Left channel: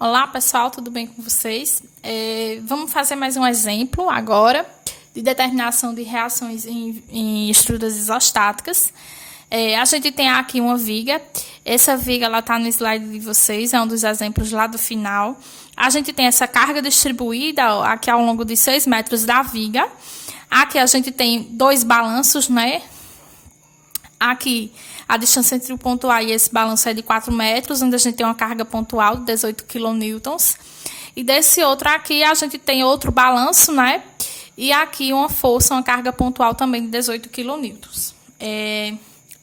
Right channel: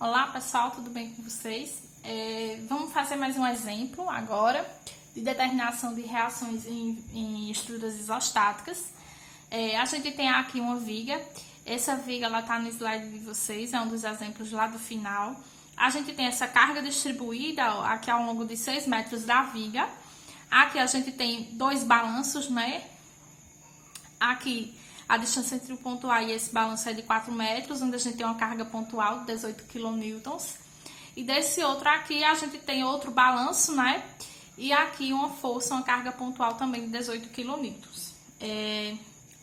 Olá pessoal, tudo bem com vocês? Vamos fazer mais um exemplo agora de determinação de reações em estruturas isostáticas. A gente tem aqui uma viga, essa viga está no slide de vocês, é um dos exemplos lá do final. A gente tem essa carga distribuída aqui ao longo de 6 metros da viga. Aqui a gente tem dois balanços, né? Aqui a distância entre o ponto A e esse balanço é de 4 metros, onde a gente tem uma carga pontual de 18 kN. E desse outro aqui a gente tem outro balanço, né? E aqui uma força, uma carga pontual também de 18 kN.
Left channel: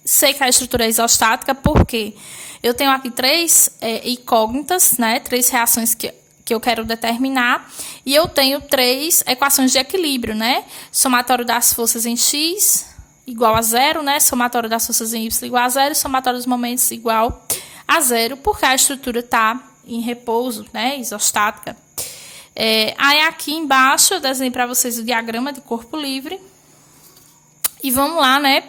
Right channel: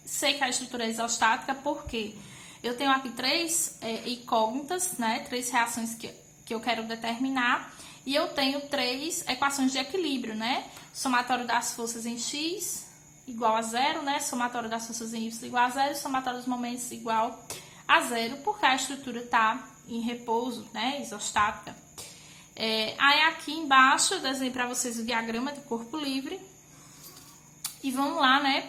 Sei que a estrutura é isostática porque eu tenho aqui três incógnitas, né? 3 reações que eu quero determinar. E eu tenho 3 equações de equilíbrio, né? Somatório das forças em X igual a 0, né? Somatório das forças em Y igual a 0 e somatório dos momentos igual a 0, porque a estrutura está em repouso, né? Isostática. Aí aqui embaixo eu desenhei para vocês o diagrama de corpo livre. E vamos lá, né?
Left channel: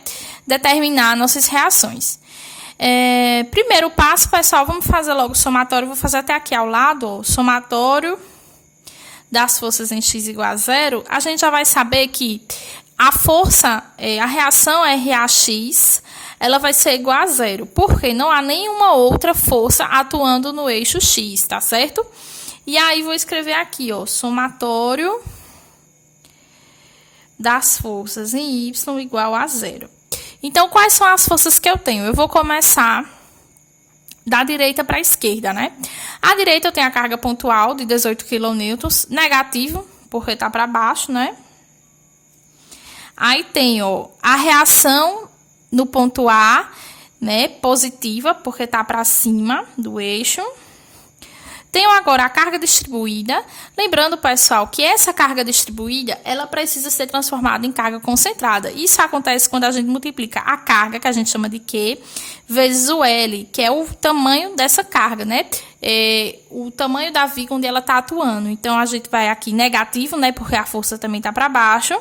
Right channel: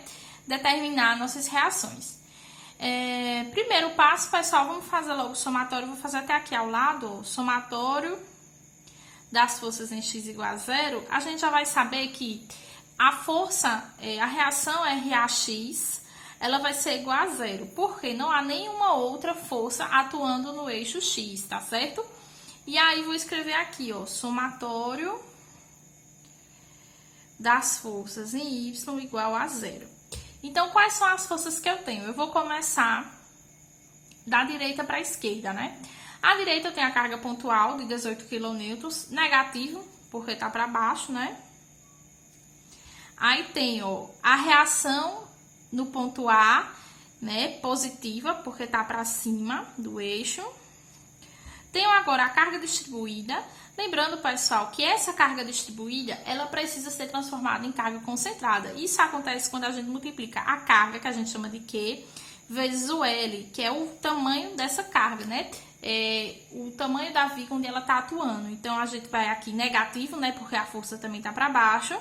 Determinar nossas reações. Primeiro passo, pessoal, vamos fazer logo o somatório. Vou fazer até aqui ao lado, ó, somatório das forças em X igual a 0. A gente já vai saber que a força, a reação RAX, ela vai ser igual a 0, porque não há nenhuma outra força atuando no eixo X, tá certo? E aí, vou escrever aqui, ó, somatório das forças em Y igual a 0. Então, quais são as forças que eu tenho? Eu vou começar da direita para a esquerda, né? À direita eu tenho a carga pontual de 18 kN, negativo, porque tá para baixo, né? Aí tenho a reação no ponto A, né, positiva, porque tá para cima do eixo. Tenho agora a carga distribuída. Lembrando, pessoal, que essa carga distribuída, ela precisa ser transformada em carga concentrada. Isso acontece quando a gente multiplica a carga, que a gente chama de Q, vezes o L, que é o tamanho dessa carga, né? O tamanho da viga onde ela está atuando. Então, a gente vai aqui negativo, né, porque a força também está para baixo.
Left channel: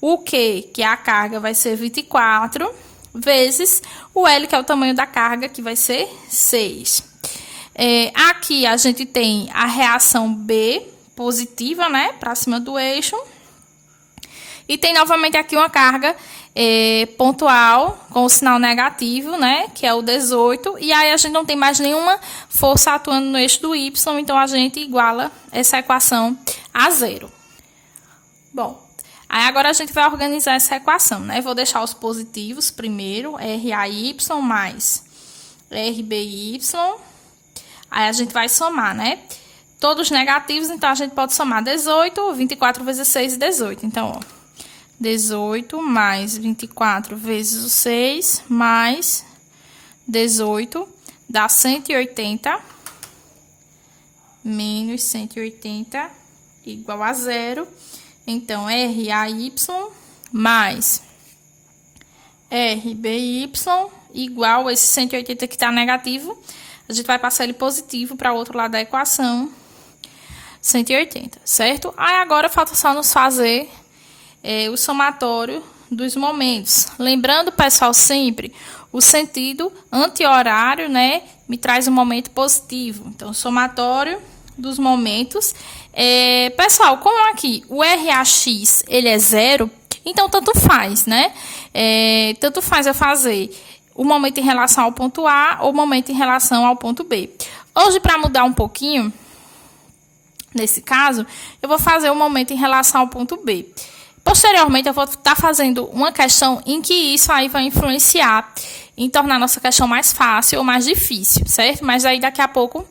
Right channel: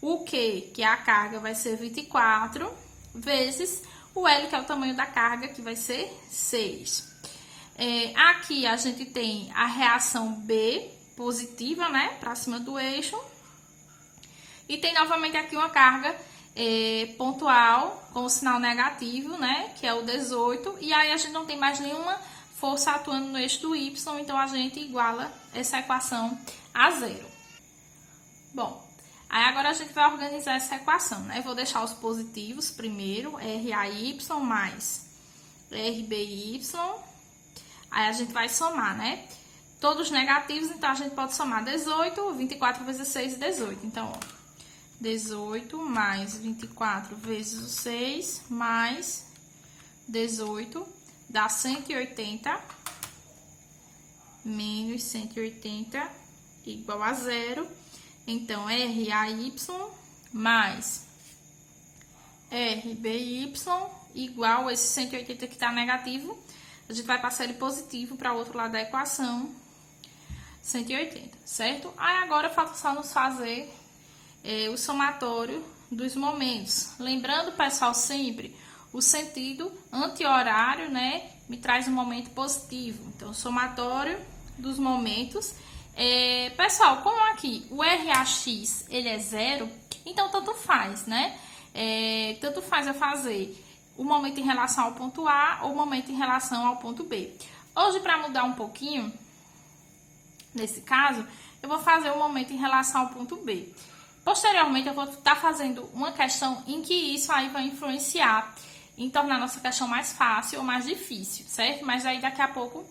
O Q, que é a carga, vai ser 24, vezes o L, que é o tamanho da carga, que vai ser 6. Aqui a gente tem a reação B positiva, né, para cima do eixo. E tem novamente aqui uma carga pontual com o sinal negativo, né, que é o 18. E aí a gente não tem mais nenhuma força atuando no eixo do Y, então a gente iguala essa equação a 0. Bom, aí agora a gente vai organizar essa equação, né? Vou deixar os positivos primeiro, RAY mais RBY. Aí a gente vai somar, né? Todos negativos, então a gente pode somar 18, 24 vezes 6 e 18. Então, ó, 18 mais 24 vezes o 6 mais 18 dá 180 menos 180 igual a 0. Então, RAY mais RBY igual a esse 180 que está negativo. A gente vai passar ele positivo para o outro lado da equação, 180, certo? Aí agora falta só nos fazer o somatório dos momentos. Lembrando, pessoal, sempre o sentido anti-horário, né, me traz um momento positivo. Então, somatório dos momentos. Pessoal, como aqui o RAX ele é 0, então tanto faz, né? Tanto faz eu fazer o momento em relação ao ponto A ou o momento em relação ao ponto B. Hoje, para mudar um pouquinho, nesse caso, eu vou fazer o momento em relação ao ponto B. Posteriormente, eu vou estar fazendo uma questão em que isso aí vai influenciar em tornar a nossa questão mais fácil ou mais difícil, certo? Mas aí daqui a pouco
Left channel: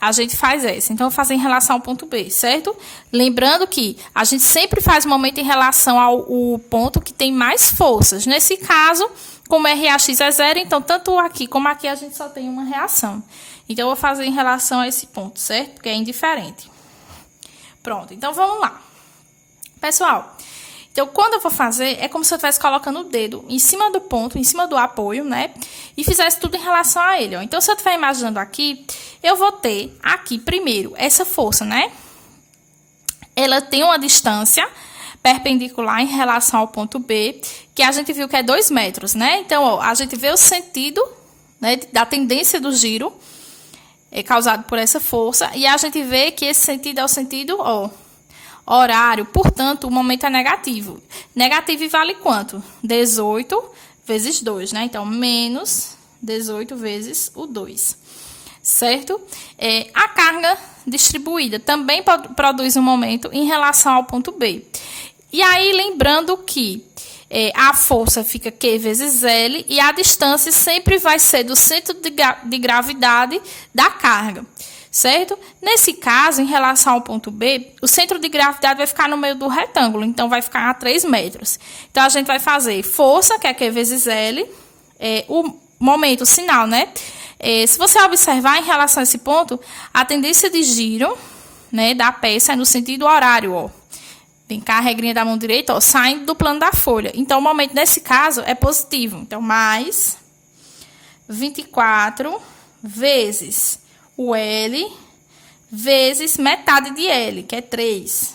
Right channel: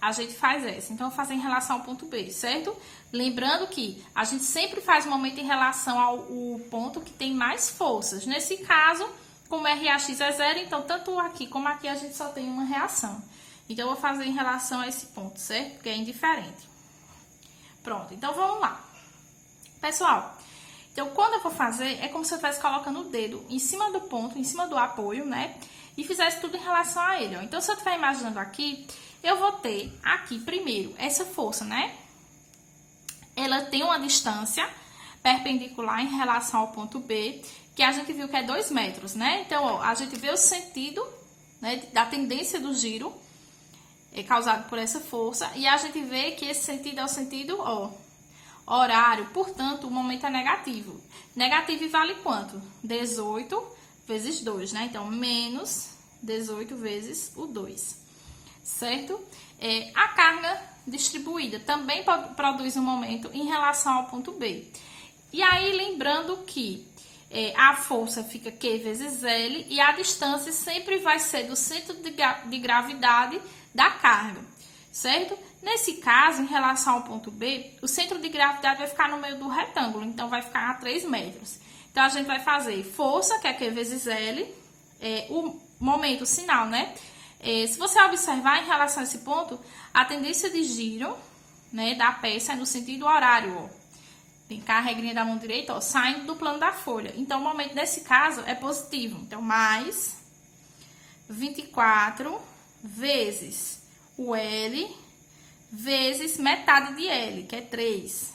a gente faz essa. Então, eu vou fazer em relação ao ponto B, certo? Lembrando que a gente sempre faz o momento em relação ao ponto que tem mais forças. Nesse caso, como RAX é 0, então tanto aqui como aqui a gente só tem uma reação. Então, eu vou fazer em relação a esse ponto, certo? Porque é indiferente. Pronto, então vamos lá. Pessoal, então quando eu vou fazer, é como se eu estivesse colocando o dedo em cima do ponto, em cima do apoio, né? E fizesse tudo em relação a ele, ó. Então, se eu estiver imaginando aqui, eu vou ter aqui, primeiro, essa força, né? Ela tem uma distância perpendicular em relação ao ponto B, que a gente viu que é 2 metros, né? Então, ó, a gente vê o sentido, né, da tendência do giro causado por essa força. E a gente vê que esse sentido é o sentido, horário. Portanto, o momento é negativo. Negativo vale quanto? 18 vezes 2, né? Então, menos 18 vezes o 2. Certo? A carga distribuída também produz um momento em relação ao ponto B. E aí, lembrando que a força fica Q vezes L e a distância sempre vai ser do centro de gravidade da carga. Certo? Nesse caso, em relação ao ponto B, o centro de gravidade vai ficar no meio do retângulo, então vai ficar a 3 metros. Então, a gente vai fazer força, que é Q vezes L, o momento, o sinal, né? Se você observar em relação a esse ponto, a tendência de giro, né, da peça é no sentido horário, Vem cá a regrinha da mão direita, saindo do plano da folha. Então, o momento nesse caso é positivo. Então, mais 24 vezes o L vezes metade de L, que é 3.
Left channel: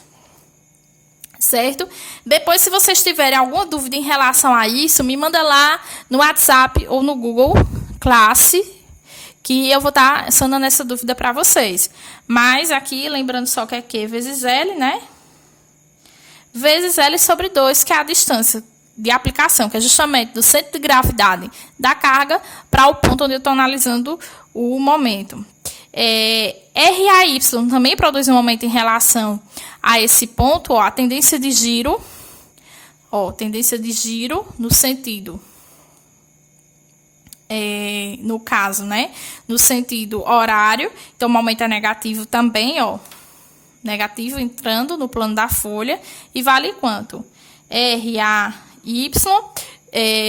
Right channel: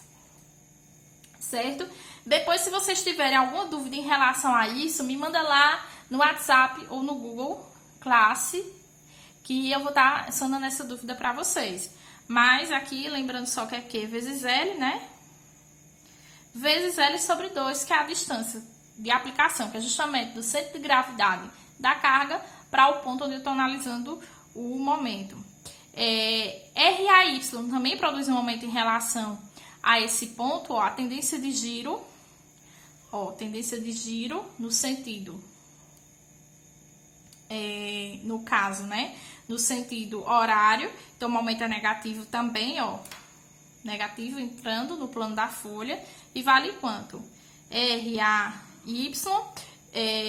Certo? Depois, se vocês tiverem alguma dúvida em relação a isso, me manda lá no WhatsApp ou no Google Classe, que eu vou estar sanando essa dúvida para vocês. Mas aqui, lembrando só que é Q vezes L, né? Vezes L sobre 2, que é a distância de aplicação, que é justamente do centro de gravidade da carga para o ponto onde eu estou analisando o momento. RAY também produz um momento em relação a esse ponto, a tendência de giro, tendência de giro no sentido, no caso, né, no sentido horário. Então, o momento é negativo também, negativo entrando no plano da folha e vale quanto? RAY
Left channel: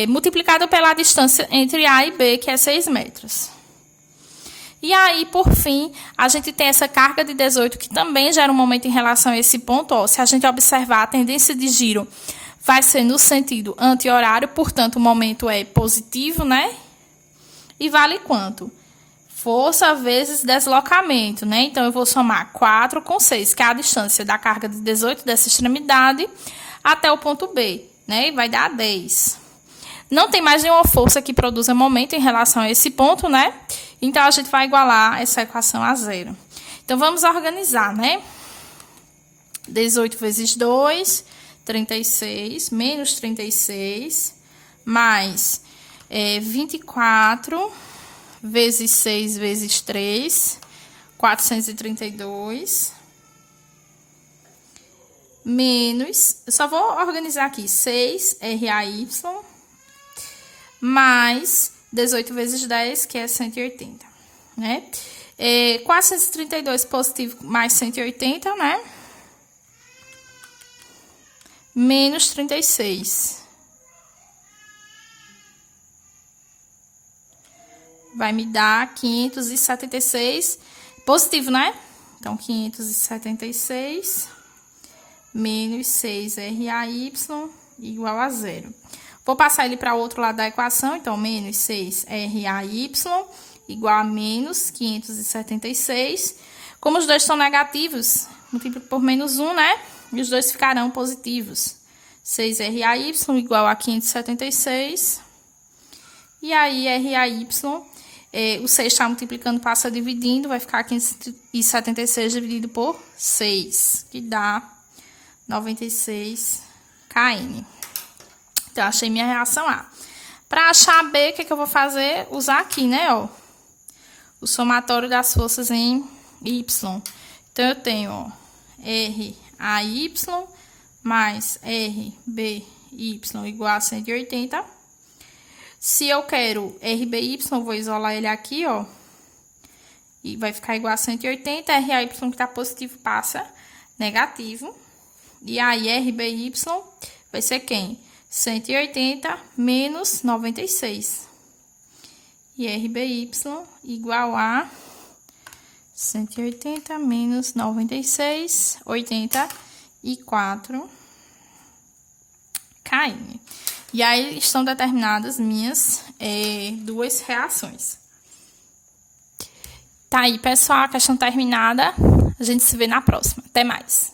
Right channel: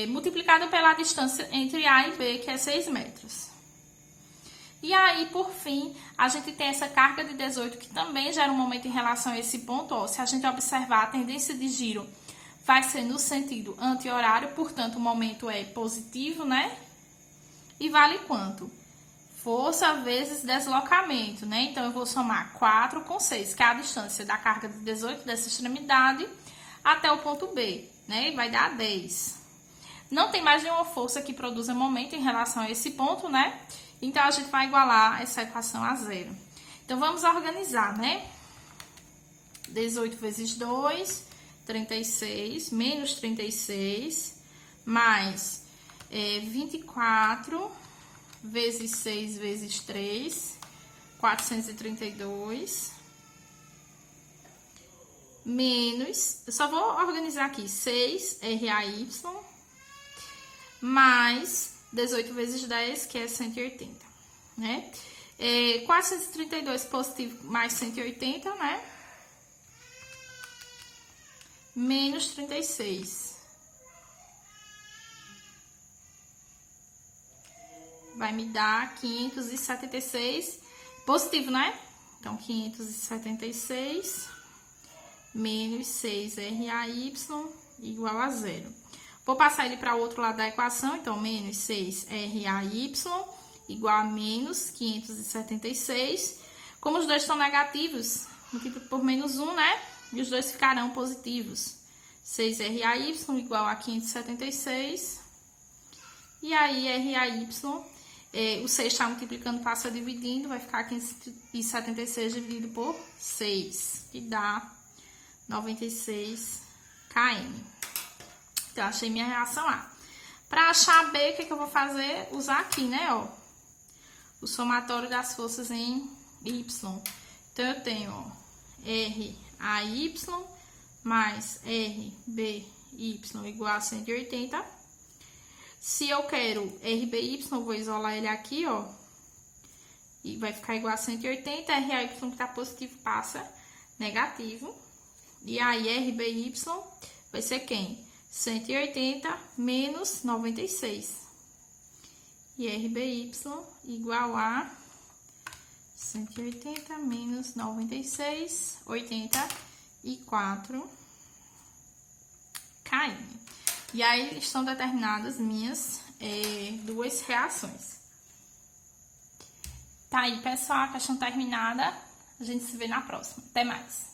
multiplicado pela distância entre A e B, que é 6 metros. E aí, por fim, a gente tem essa carga de 18, que também gera um momento em relação a esse ponto. Se a gente observar, a tendência de giro vai ser no sentido anti-horário, portanto, o momento é positivo, né? E vale quanto? Força vezes deslocamento, né? Então, eu vou somar 4 com 6, que é a distância da carga de 18 dessa extremidade até o ponto B, né? E vai dar 10. Não tem mais nenhuma força que produza momento em relação a esse ponto, né? Então, a gente vai igualar essa equação a 0. Então, vamos organizar, né? 18 vezes 2, 36, menos 36, mais 24 vezes 6 vezes 3, 432, menos, eu só vou organizar aqui, 6 RAY, mais 18 vezes 10, que é 180, né? 432 positivo mais 180, né? Menos 36. Vai me dar 576, positivo, né? Então, 576 menos 6 RAY igual a 0. Vou passar ele para o outro lado da equação, então, menos 6 RAY igual a menos 576. Como os dois são negativos, multiplico por menos 1, né? E os dois ficarão positivos. 6 RAY igual a 576. E aí, RAY, o 6 está multiplicando, passa dividindo, vai ficar 576 dividido por 6, que dá 96 kN. Então, achei minha reação A. Para achar B, o que eu vou fazer? Usar aqui, né, o somatório das forças em Y. Então, eu tenho, RAY mais RBY igual a 180. Se eu quero RBY, vou isolar ele aqui, e vai ficar igual a 180. RAY, que está positivo, passa negativo. E aí, RBY vai ser quem? 180 menos 96. E RBY igual a 180 menos 96, 84 kN. E aí, estão determinadas minhas duas reações. Tá aí, pessoal, a questão terminada. A gente se vê na próxima. Até mais.